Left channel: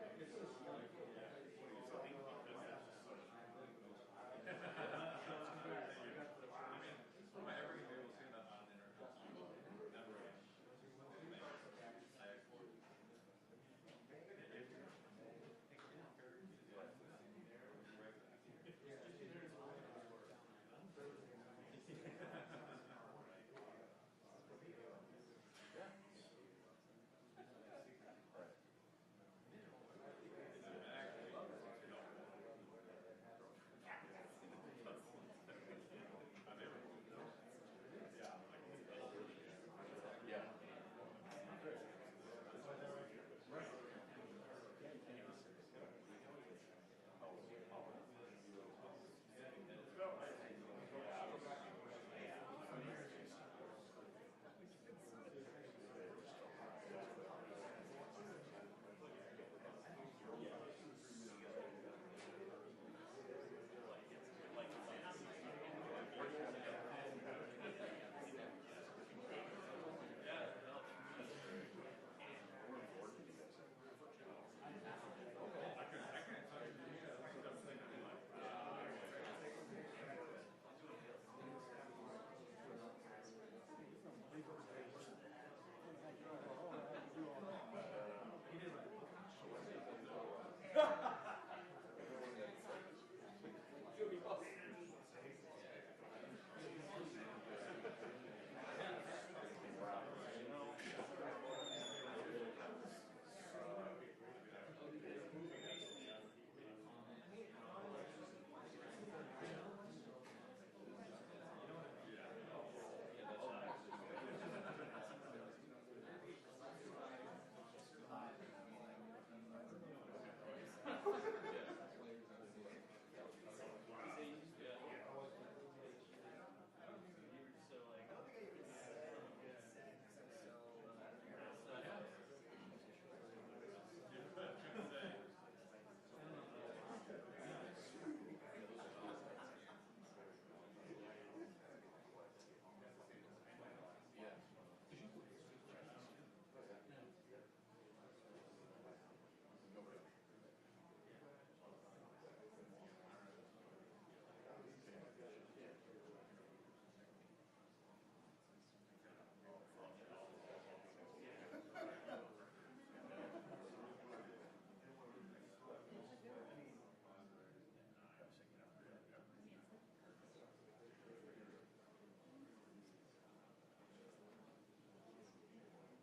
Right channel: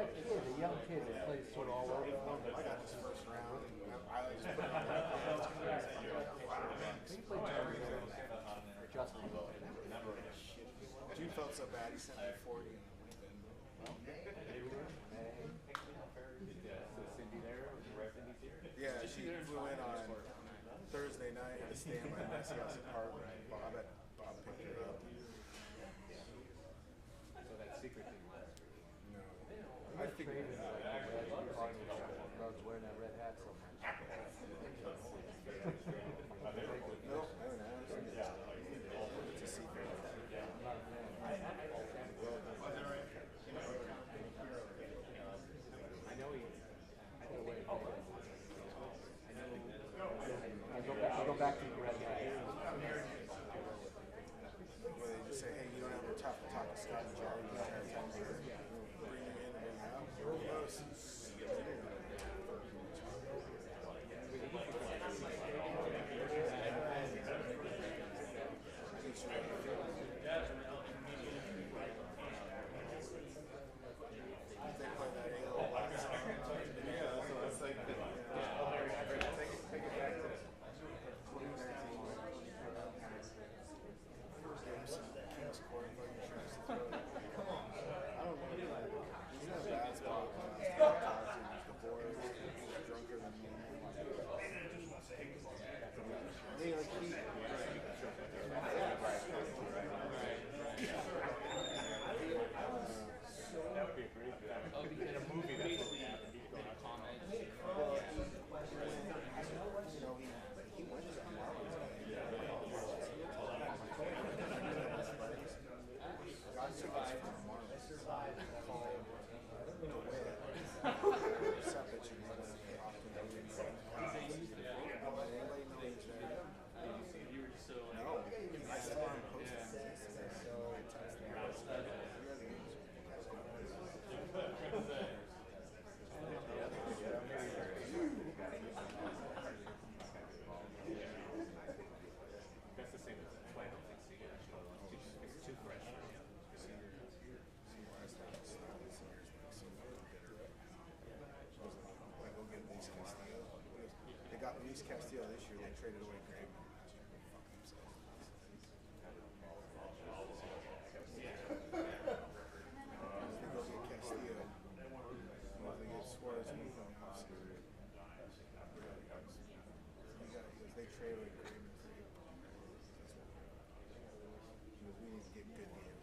that kid, the young kid that plays sort of all over for him. I got this first round. I just put it He played Justin. Dude felt so bad. He sent me 40. Yeah, she flew in on Thursday night to stay in my Nessie house apartment. I bet Bob picked her up. So that secret thing. No. I figured it out. Loves wearing that red hat so much. No, I haven't asked. It's a secret. I know he. I go back to the red hat. Where they just say, hey, you don't have to talk to Scott and Jerry. You just have to bring you in and bring out. Who knows? Luis Castillo this year, they traded away Pregame. They trade away Pregame. We need to get good game against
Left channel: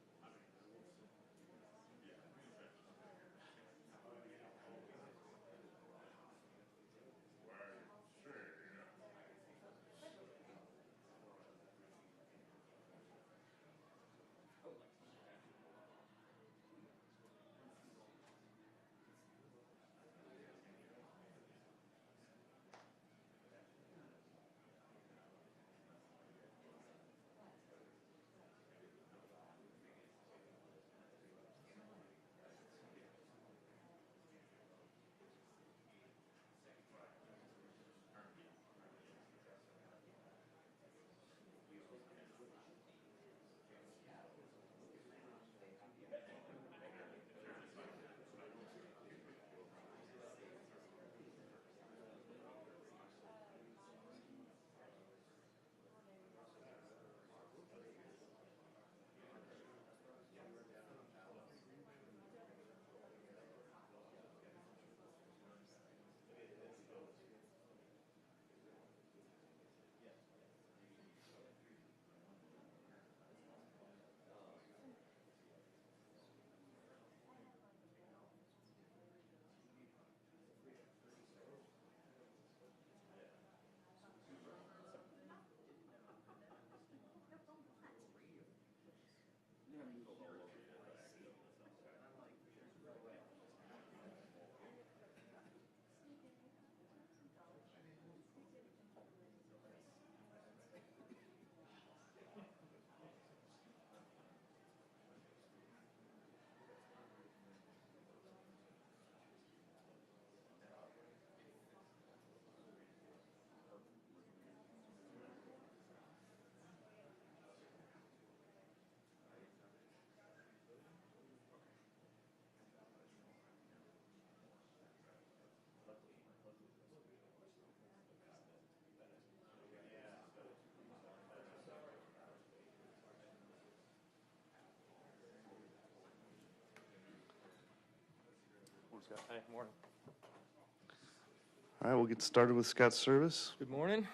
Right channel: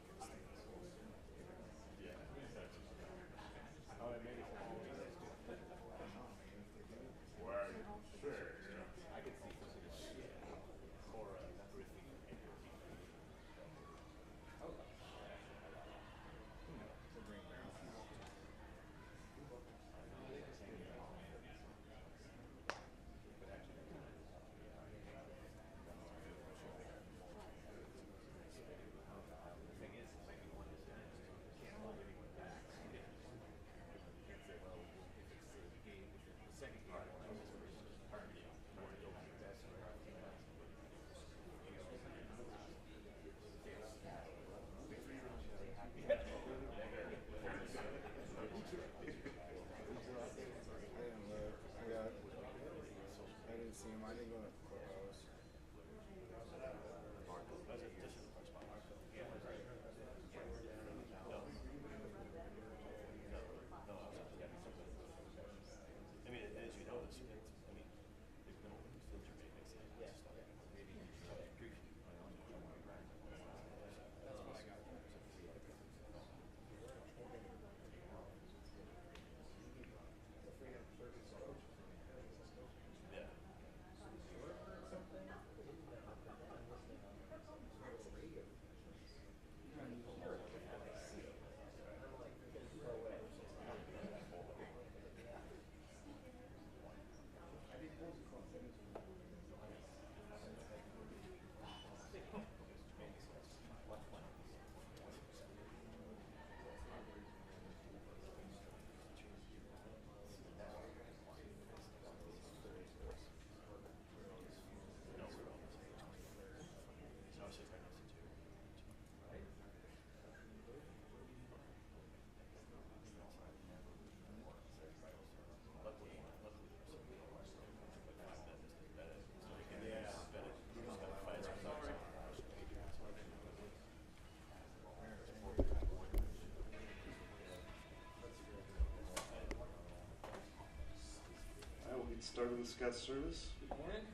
we'll get started with Scott's service. Good morning.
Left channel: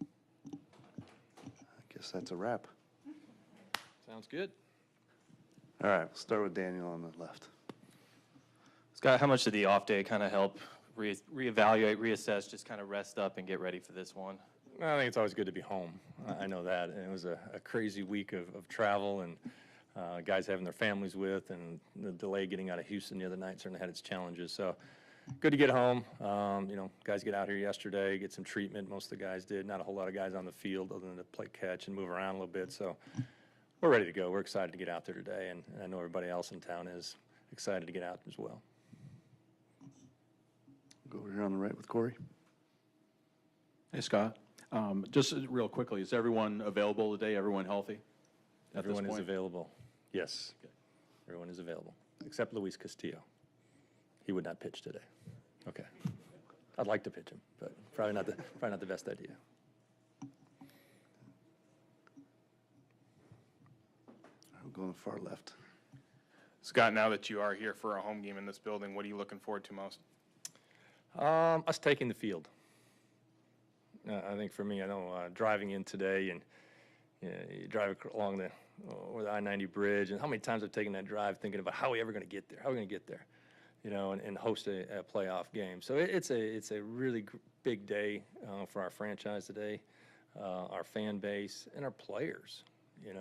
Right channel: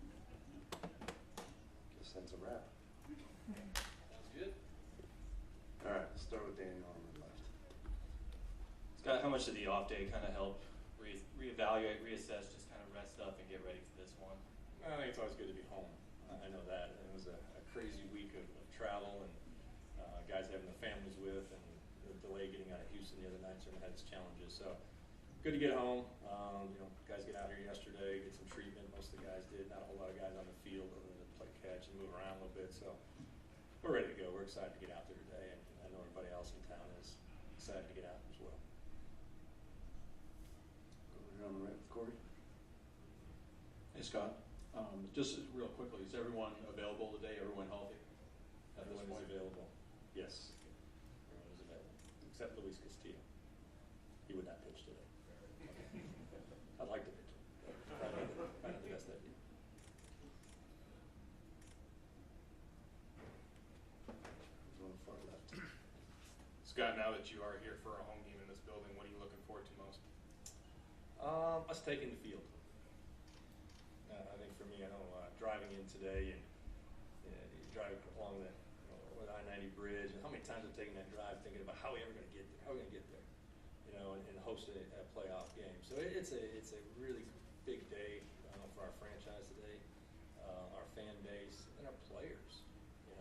I guess that's a wrap. Sounds good. All right, we'll start with Daniel on the left. Scott, how much did the off day kind of help reevaluate, reassess, just kind of rest up and get ready for this one? I think it's always good to be home. I know that. And it was a crazy week of travel and guys having their families with, and the delay getting out of Houston the other night certainly had its challenges. So good to get home. Guys get out here yesterday, get some treatment. Most of the guys did. Not a whole lot of guys on the field other than to play catch and move around a little bit. So we're ready to go. We're excited to get out there today, and I know everybody else in town is excited to get out as well. Go over here on the right with Corey. Hey, Scott. Just real quickly, is everyone available today? Everyone healthy? Everyone is available. Yes, everyone is available, except Luis Castillo. He would not pitch today. Okay. I'd like to pitch him, but probably not the best idea. We'll go on the far left. Scott, now that you are here for a home game in this building, what are you looking forward to most? Us taking the field. I think for me, I know driving in today, and you drive along the I-90 bridge, and how many times I've taken that drive thinking about how are we ever going to get there? How are we going to get there? And host a playoff game. So it's a really big day for our franchise today, our fan base, and our players. It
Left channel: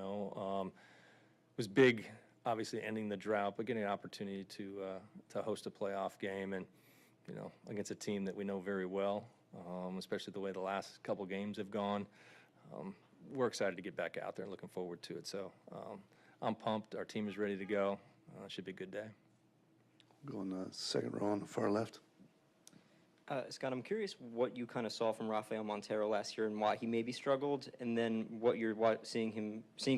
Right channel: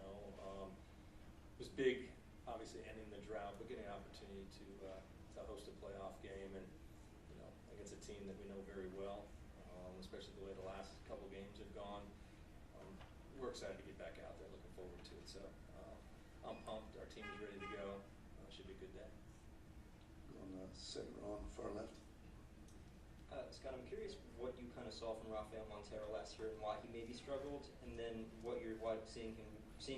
was big, obviously ending the drought, but getting an opportunity to host a playoff game, and against a team that we know very well, especially the way the last couple games have gone. We're excited to get back out there and looking forward to it. So I'm pumped. Our team is ready to go. Should be a good day. Go on the second row on the far left. Scott, I'm curious what you kind of saw from Rafael Montero last year and why he maybe struggled, and then what you're seeing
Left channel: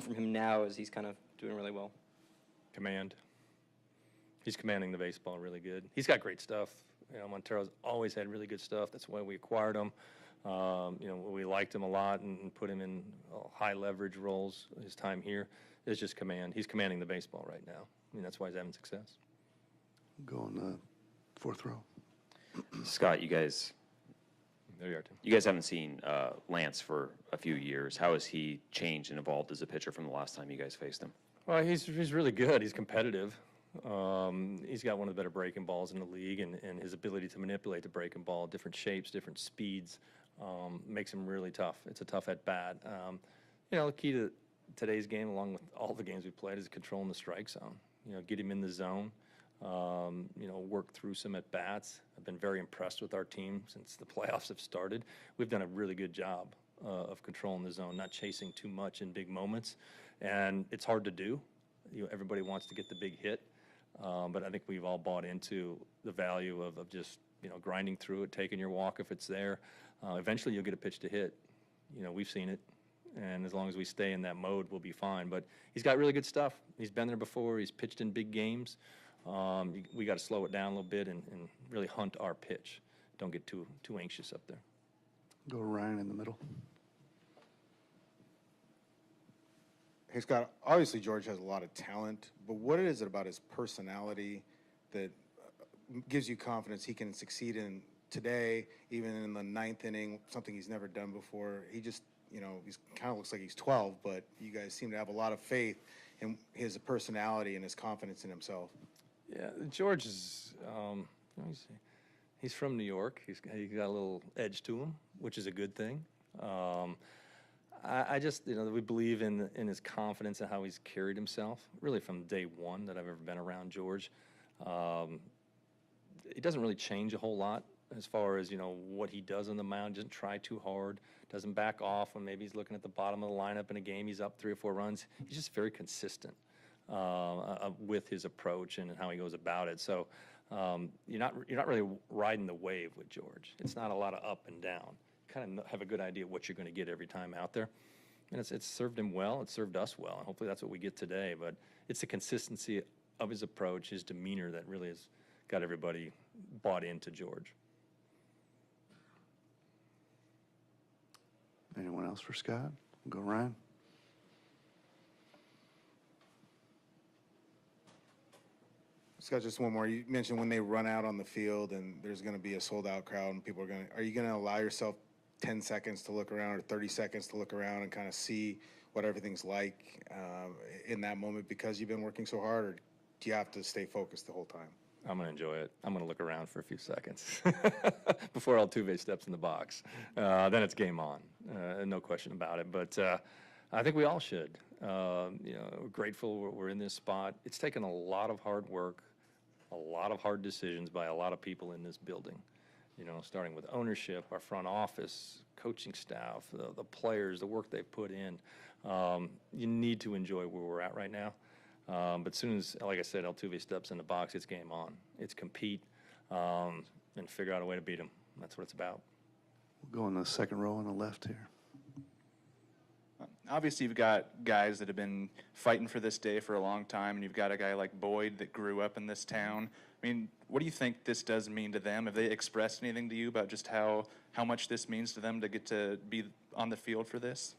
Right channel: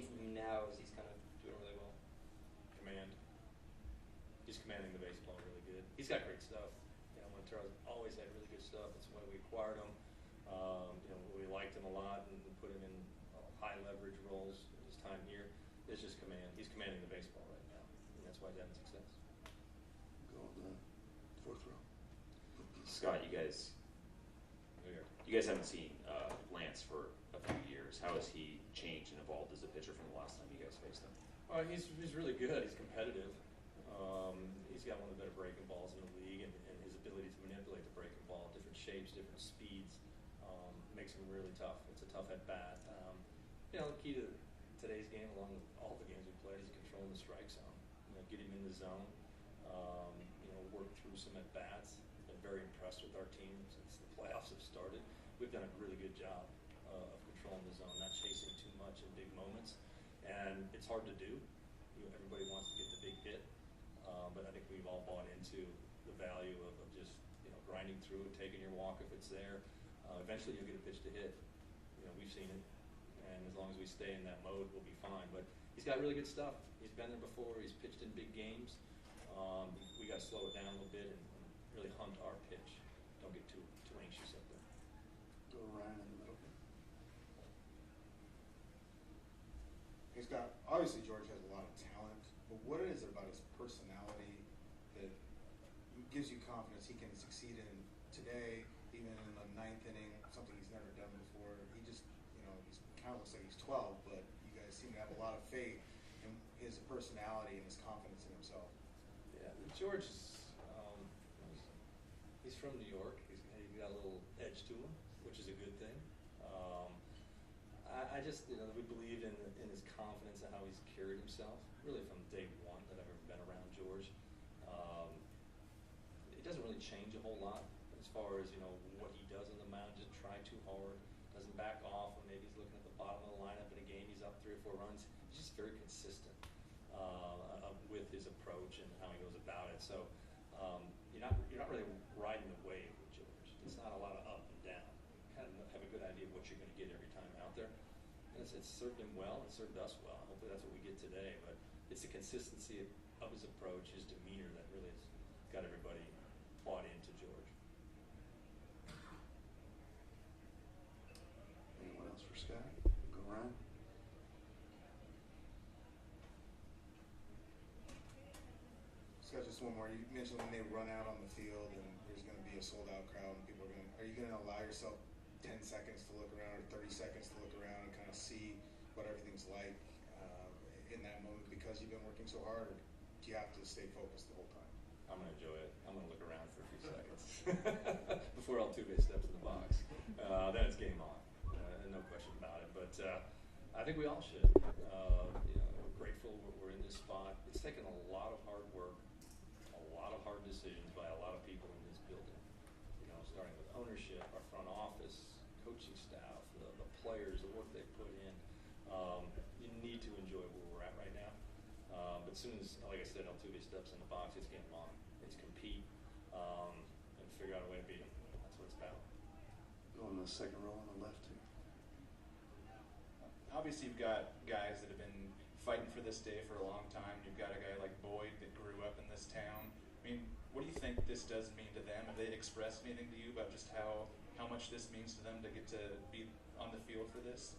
from him now as he's kind of doing really well. Command. He's commanding the baseball really good. He's got great stuff. Montero's always had really good stuff. That's why we acquired him. We liked him a lot and put him in high leverage roles his time here. It's just command. He's commanding the baseball right now. That's why he's having success. Go on the fourth row. Scott, you guys haven't seen Lance for a few years. How has he changed and evolved as a pitcher from the last time you guys faced him? Well, he's really good. He's competitive. He's got one of the better breaking balls in the league, and his ability to manipulate the breaking ball, different shapes, different speeds, makes him really tough. It's a tough at bat. The key to today's game, along with all the games we played, is controlling the strike zone. Get him in the zone. Work through some at bats. I've been very impressed with our team since the playoffs have started. We've done a really good job of controlling the zone, not chasing too much in big moments, and it's hard to do. Everybody wants to get the big hit. But I think we've all bought into the value of just, grinding through it, taking your walk if it's there. Eventually you'll get a pitch to hit. We've seen it. And as long as we stay in that mode, we'll be fine. But he's got really good stuff. He's been there before. He's pitched in big games. We got to slow it down a little bit and really hunt our pitch. Don't get too anxious up there. Go Ryan in the middle. Hey, Scott, obviously George has a lot of talent, but what is it about his personality that gives you confidence he can succeed in today, even in the ninth inning, something he's never done before? He just, he's kind of looks like he's 12, but you guys seem to have a lot of faith in his personality and his confidence in himself. Yeah, George is, he's from New York. He's got a little edge to him, which is a good thing. I just, we believe in his confidence and how he's carried himself, really from day one that I've ever been around George. He doesn't really change a whole lot as far as, what he does on the mound. Doesn't try too hard, doesn't back off when maybe he's looking at the bottom of the lineup in a game, he's up 3 or 4 runs. He's just very consistent with his approach and how he goes about it. So you're not really riding the wave with George. It's not a lot of up and down. Kind of have a good idea of what you're going to get every time out there, and it's served him well. It's served us well, and hopefully that's what we get today. But it's the consistency of his approach, his demeanor, that really has got everybody bought into George. Anyone else for Scott? Go Ryan. Scott, just one more. You mentioned when they run out on the field and there's going to be a sold-out crowd and people are you going to allow yourself 10 seconds to look around or 30 seconds to look around and kind of see what everything's like in that moment because you've been working so hard, or do you have to stay focused the whole time? I'm going to enjoy it. I'm going to look around for a few seconds before Altuve steps in the box. Then it's game on, no question about it. But I think we all should. You know, we're grateful we're in this spot. It's taken a lot of hard work, a lot of hard decisions by a lot of people in this building. You know, starting with ownership, our front office, coaching staff, the players, the work they've put in. You need to enjoy where we're at right now. But as soon as, like I said, Altuve steps in the box, it's game on. It's compete and figure out a way to beat him. That's what it's about. Go in the second row on the left here. Obviously, you've got guys that have been fighting for this day for a long time, and you've got a guy like Boyd that grew up in this town. I mean, what do you think this does mean to them? Have they expressed anything to you about just how much this means to them to get to be on the field for this?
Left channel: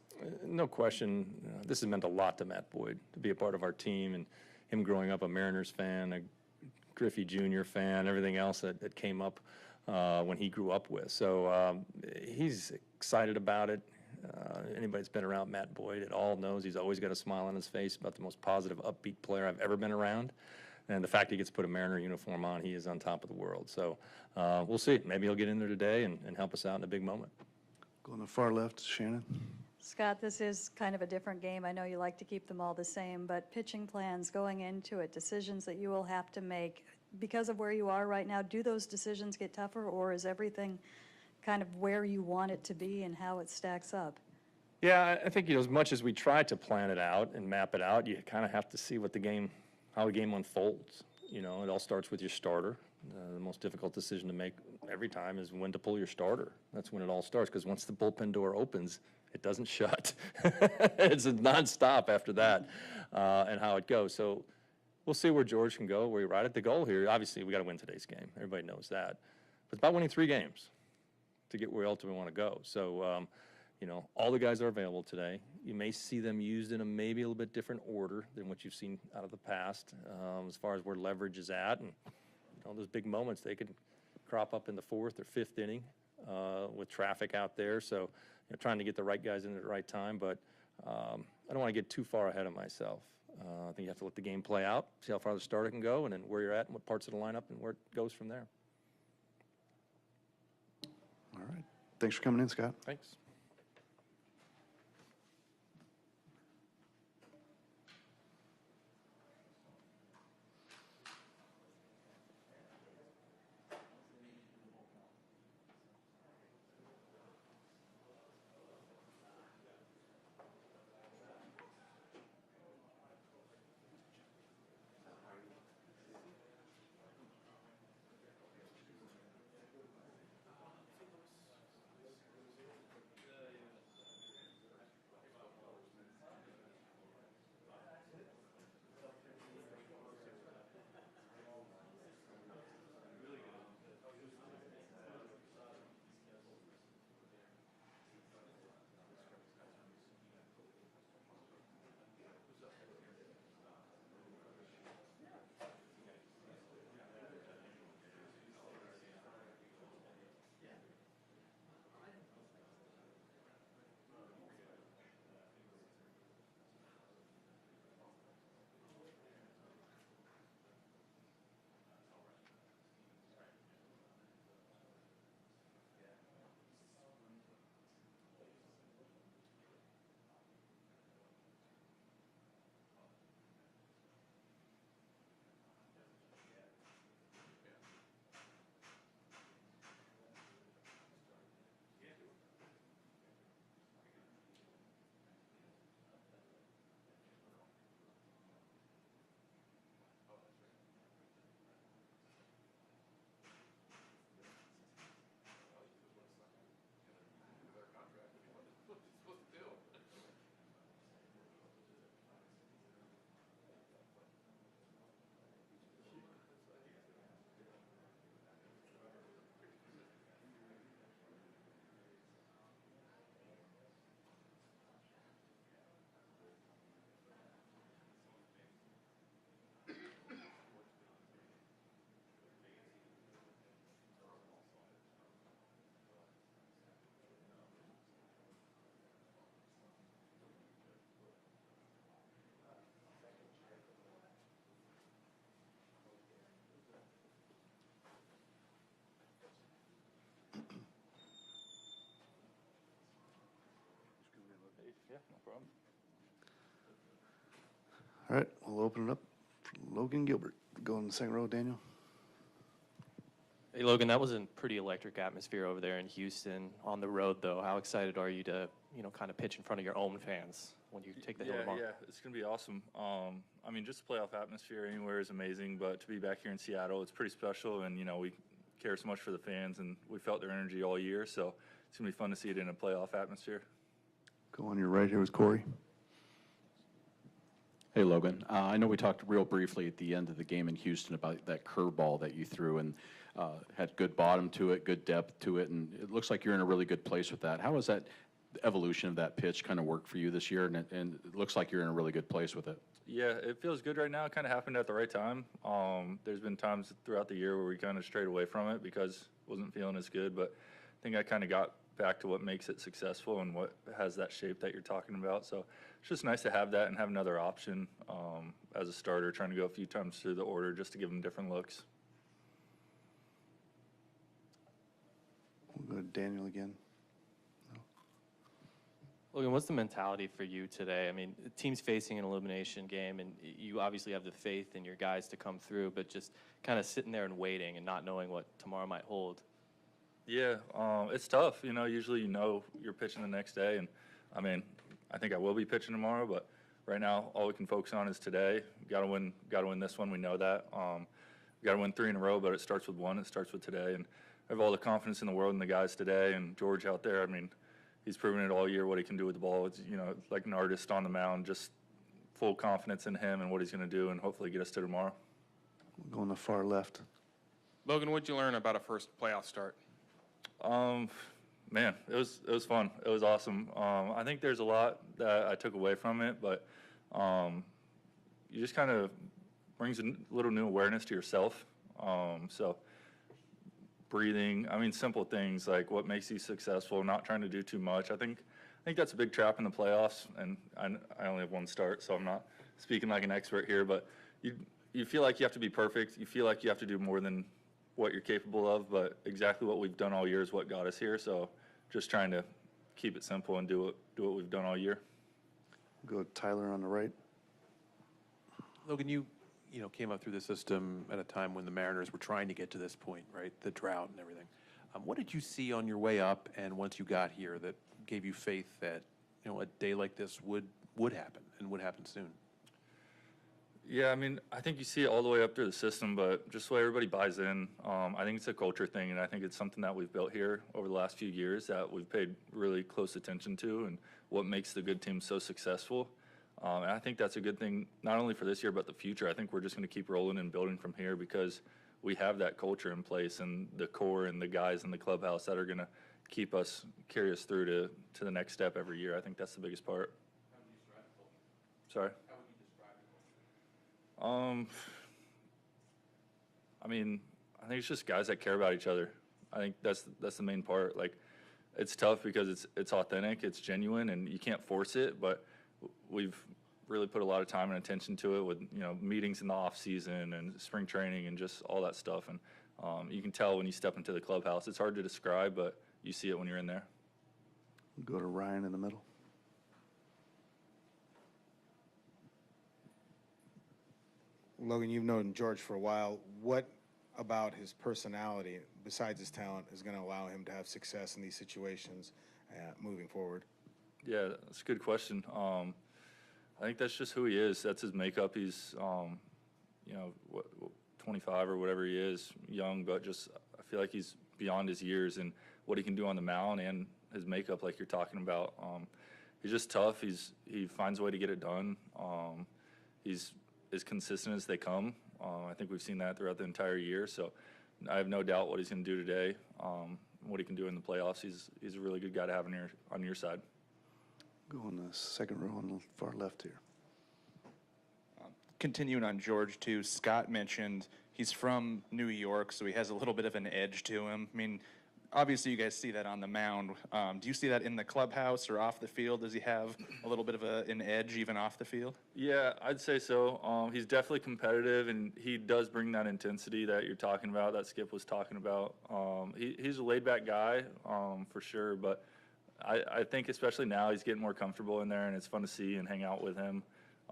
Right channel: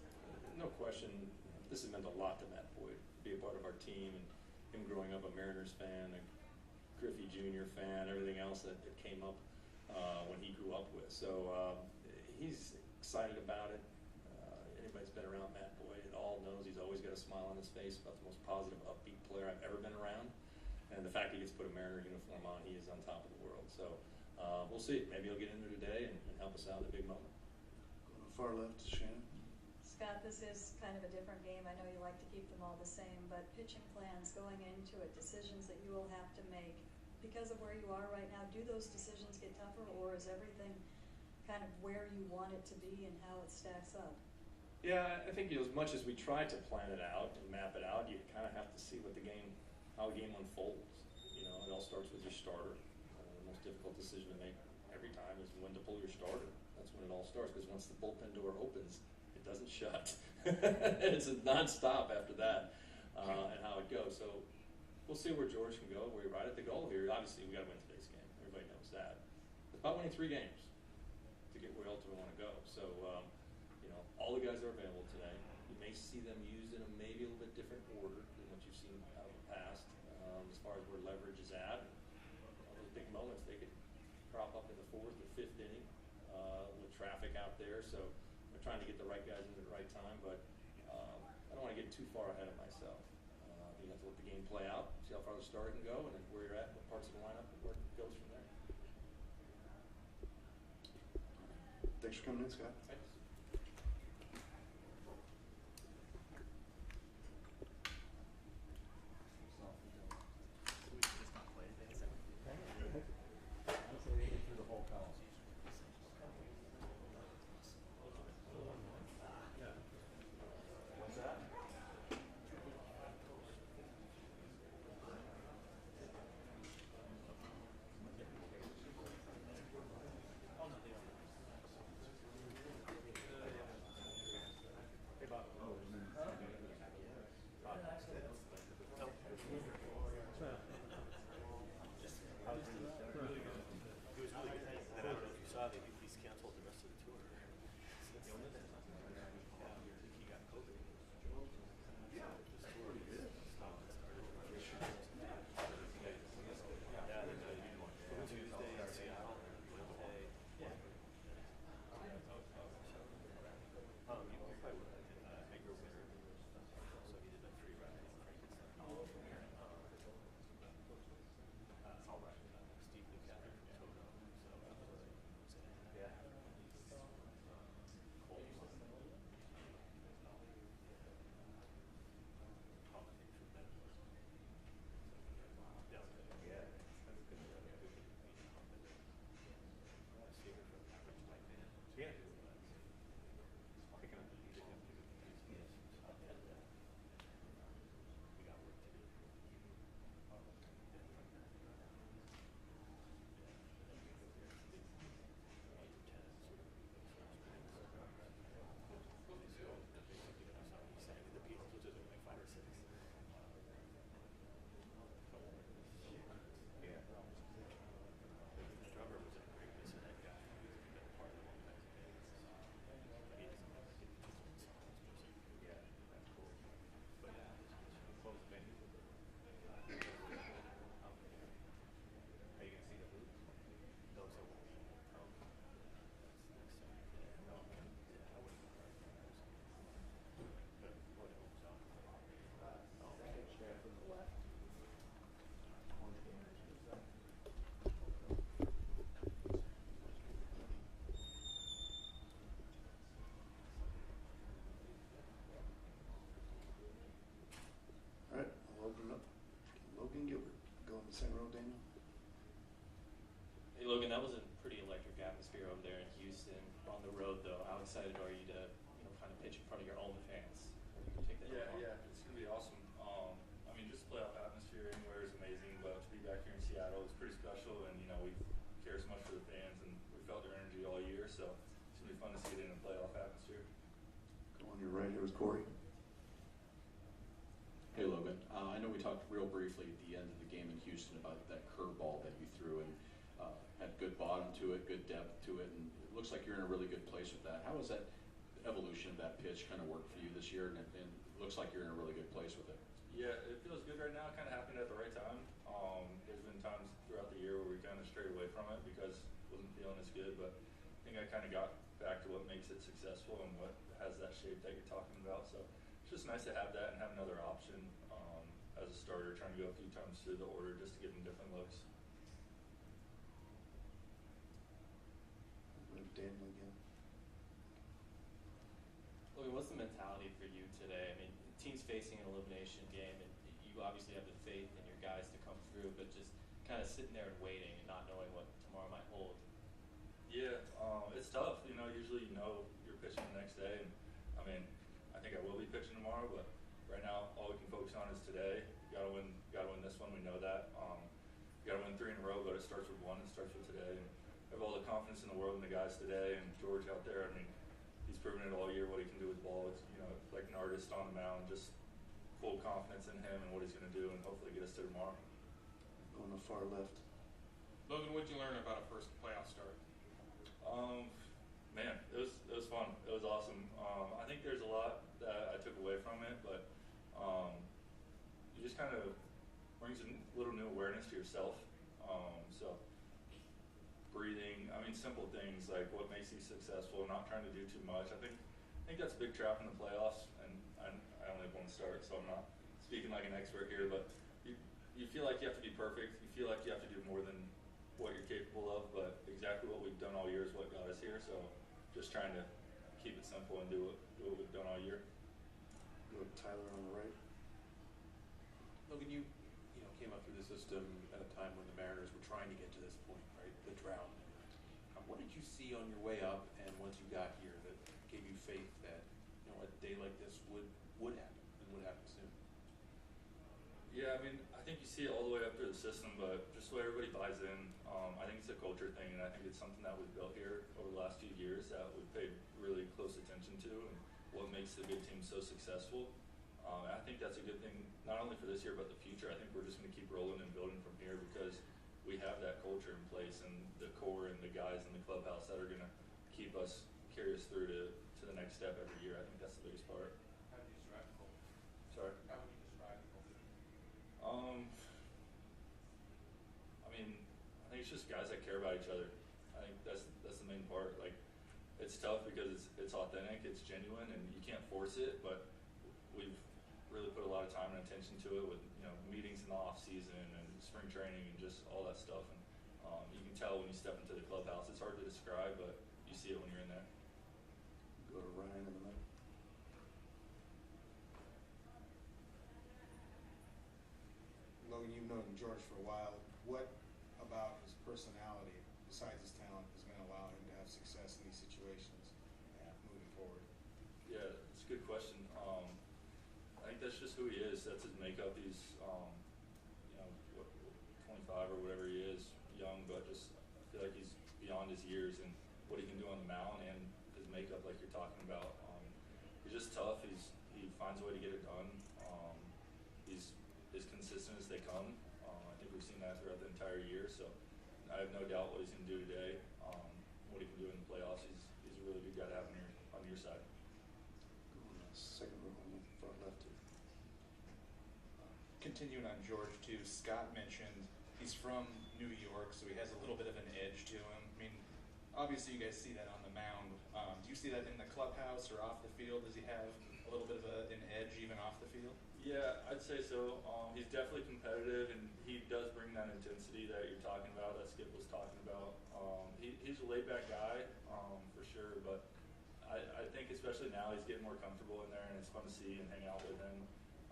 No question. This has meant a lot to Matt Boyd to be a part of our team, and him growing up a Mariners fan, a Griffey Jr. fan, everything else that came up when he grew up with. So he's excited about it. Anybody that's been around Matt Boyd at all knows he's always got a smile on his face, about the most positive, upbeat player I've ever been around. And the fact he gets to put a Mariner uniform on, he is on top of the world. So we'll see. Maybe he'll get in there today and help us out in a big moment. Go on the far left, Shannon. Scott, this is kind of a different game. I know you like to keep them all the same, but pitching plans going into it, decisions that you will have to make because of where you are right now, do those decisions get tougher, or is everything kind of where you want it to be and how it stacks up? Yeah, I think, you know, as much as we try to plan it out and map it out, you kind of have to see how the game unfolds. You know, it all starts with your starter. The most difficult decision to make every time is when to pull your starter. That's when it all starts, because once the bullpen door opens, it doesn't shut. It's a nonstop after that, and how it goes. So we'll see where George can go, where he ride it. The goal here, obviously, we got to win today's game. Everybody knows that. But it's about winning 3 games to get where we ultimately want to go. So, you know, all the guys are available today. You may see them used in a maybe a little bit different order than what you've seen out of the past, as far as where leverage is at. And you know, those big moments, they could crop up in the 4th or 5th inning with traffic out there. So, you know, trying to get the right guys in at the right time. But I don't want to get too far ahead of myself. I think you have to let the game play out, see how far the starter can go, and then where you're at and what parts of the lineup and where it goes from there. All right. Thanks for coming in, Scott. Thanks. open it up for Logan Gilbert. Go in the second row, Daniel. Hey, Logan, that was a pretty electric atmosphere over there in Houston. On the road, though, how excited are you to, kind of pitch in front of your own fans when you take the hill tomorrow? Yeah, it's going to be awesome. I mean, just playoff atmosphere anywhere is amazing, but to be back here in Seattle, it's pretty special, and, we care so much for the fans, and we felt their energy all year, so it's going to be fun to see it in a playoff atmosphere. Go on your right here with Corey. Hey, Logan. I know we talked real briefly at the end of the game in Houston about that curveball that you threw and had good bottom to it, good depth to it, and it looks like you're in a really good place with that. How has that evolution of that pitch kind of worked for you this year? And it looks like you're in a really good place with it. Yeah, it feels good right now. It kind of happened at the right time. There's been times throughout the year where we kind of strayed away from it because it wasn't feeling as good, but I think I kind of got back to what makes it successful and what has that shape that you're talking about. So it's just nice to have that and have another option as a starter, trying to go a few times through the order just to give them different looks. We'll go to Daniel again. Logan, what's the mentality for you today? I mean, the team's facing an elimination game, and you obviously have the faith in your guys to come through, but just kind of sitting there and waiting and not knowing what tomorrow might hold. Yeah, it's tough. Usually you're pitching the next day, and I mean, I think I will be pitching tomorrow, but right now all we can focus on is today. Got to win this one. We know that. Got to win 3 in a row, but it starts with one. It starts with today, and I have all the confidence in the world in the guys today. And George out there, I mean, he's proven it all year what he can do with the ball. It's like an artist on the mound, just full confidence in him and what he's going to do, and hopefully get us to tomorrow. Going to the far left. Logan, what'd you learn about a first playoff start? Man, it was fun. It was awesome. I think there's a lot that I took away from it, but you just kind of brings a little new awareness to yourself. So breathing, I mean, simple things like what makes you successful, not trying to do too much. I think that's a big trap in the playoffs, and I only have one start, so I'm not speaking like an expert here, but you feel like you have to be perfect. You feel like you have to do more than what you're capable of, but exactly what we've done all year is what got us here. So just trying to keep it simple and do what we've done all year. Go to Tyler on the right. Logan, you came up through the system at a time when the Mariners were trying to get to this point, right? The drought and everything. What did you see on your way up and once you got here that gave you faith that a day like this would happen and would happen soon? Yeah, I mean, I think you see it all the way up through the system, but just so everybody buys in, I think it's a culture thing, and I think it's something that we've built here over the last few years that we've paid really close attention to and what makes the good team so successful. And I think that's a good thing, not only for this year, but the future. I think we're just going to keep rolling and building from here because we have that culture in place and the core and the guys in the clubhouse that are going to carry us through to the next step every year. I think that's the biggest part. How would you describe the culture? Sorry? How would you describe the culture? I mean, I think it's just guys that care about each other. I think that's the main part. Like, it's tough because it's authentic, it's genuine, and you can't force it, but we've really put a lot of time and attention to it with meetings in the off season and spring training and just all that stuff. And you can tell when you step into the clubhouse. It's hard to describe, but you see it when you're in there. Go to Ryan in the middle. Logan, you've known George for a while. What about his personality, besides his talent, is going to allow him to have success in these situations moving forward? Yeah, that's a good question. I think that's just who he is. That's his makeup. He's, 25 or whatever he is, young, but just I feel like he's beyond his years and what he can do on the mound and his makeup, like you're talking about. He's just tough. He finds a way to get it done. He's as consistent as they come. I think we've seen that throughout the entire year. So I have no doubt what he's going to do today, what he can do in the playoffs. He's a really good guy to have on your side. Go on the second row on the far left here. Continuing on George too, Scott mentioned he's from New York, so he has a little bit of an edge to him. I mean, obviously you guys see that on the mound. Do you see that in the clubhouse or off the field? Does he have a little bit of an edge even off the field? Yeah, I'd say so. He's definitely competitive, and he does bring that intensity that you're talking about, that Skip was talking about. He's a laid-back guy, for sure, but I think especially now he's getting more comfortable in there, and it's fun to see and hang out with him.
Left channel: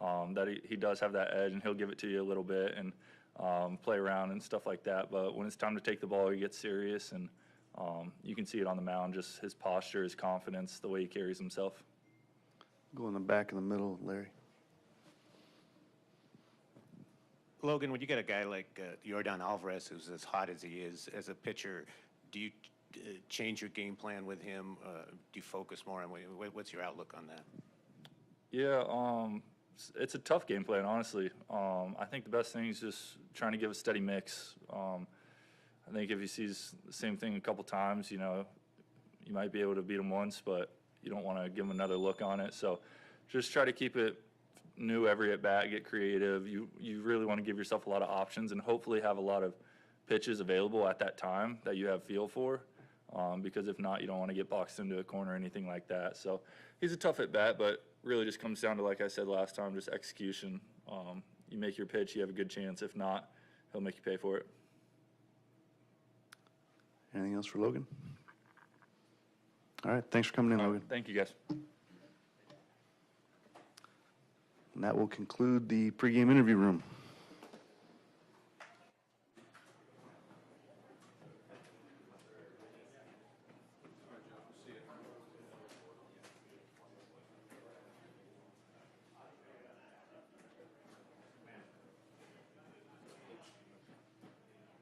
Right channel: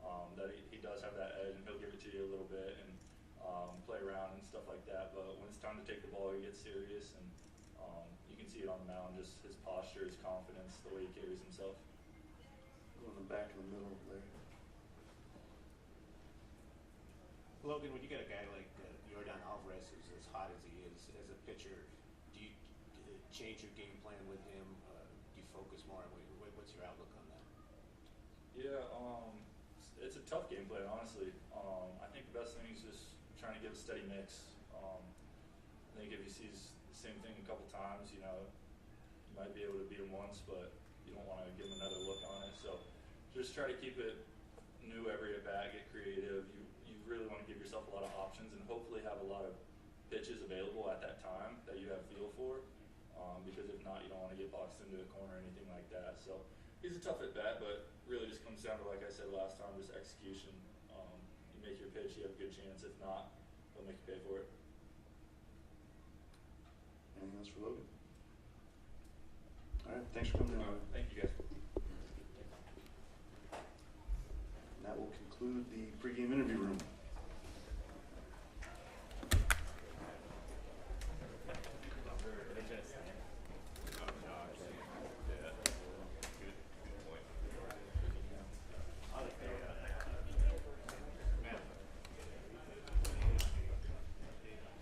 that he does have that edge, and he'll give it to you a little bit and play around and stuff like that. But when it's time to take the ball, he gets serious, and you can see it on the mound, just his posture, his confidence, the way he carries himself. Go in the back in the middle, Larry. Logan, when you get a guy like Yordan Alvarez, who's as hot as he is as a pitcher, do you change your game plan with him? Do you focus more on what's your outlook on that? Yeah, it's a tough game plan, honestly. I think the best thing is just trying to give a steady mix. I think if he sees the same thing a couple times, you might be able to beat him once, but you don't want to give him another look on it. So just try to keep it new every at bat, get creative. You really want to give yourself a lot of options and hopefully have a lot of pitches available at that time that you have feel for, because if not, you don't want to get boxed into a corner or anything like that. So he's a tough at bat, but really just comes down to, like I said last time, just execution. You make your pitch, you have a good chance. If not, he'll make you pay for it. Anything else for Logan? All right, thanks for coming in, Logan. Thank you, guys. And that will conclude the pregame interview room.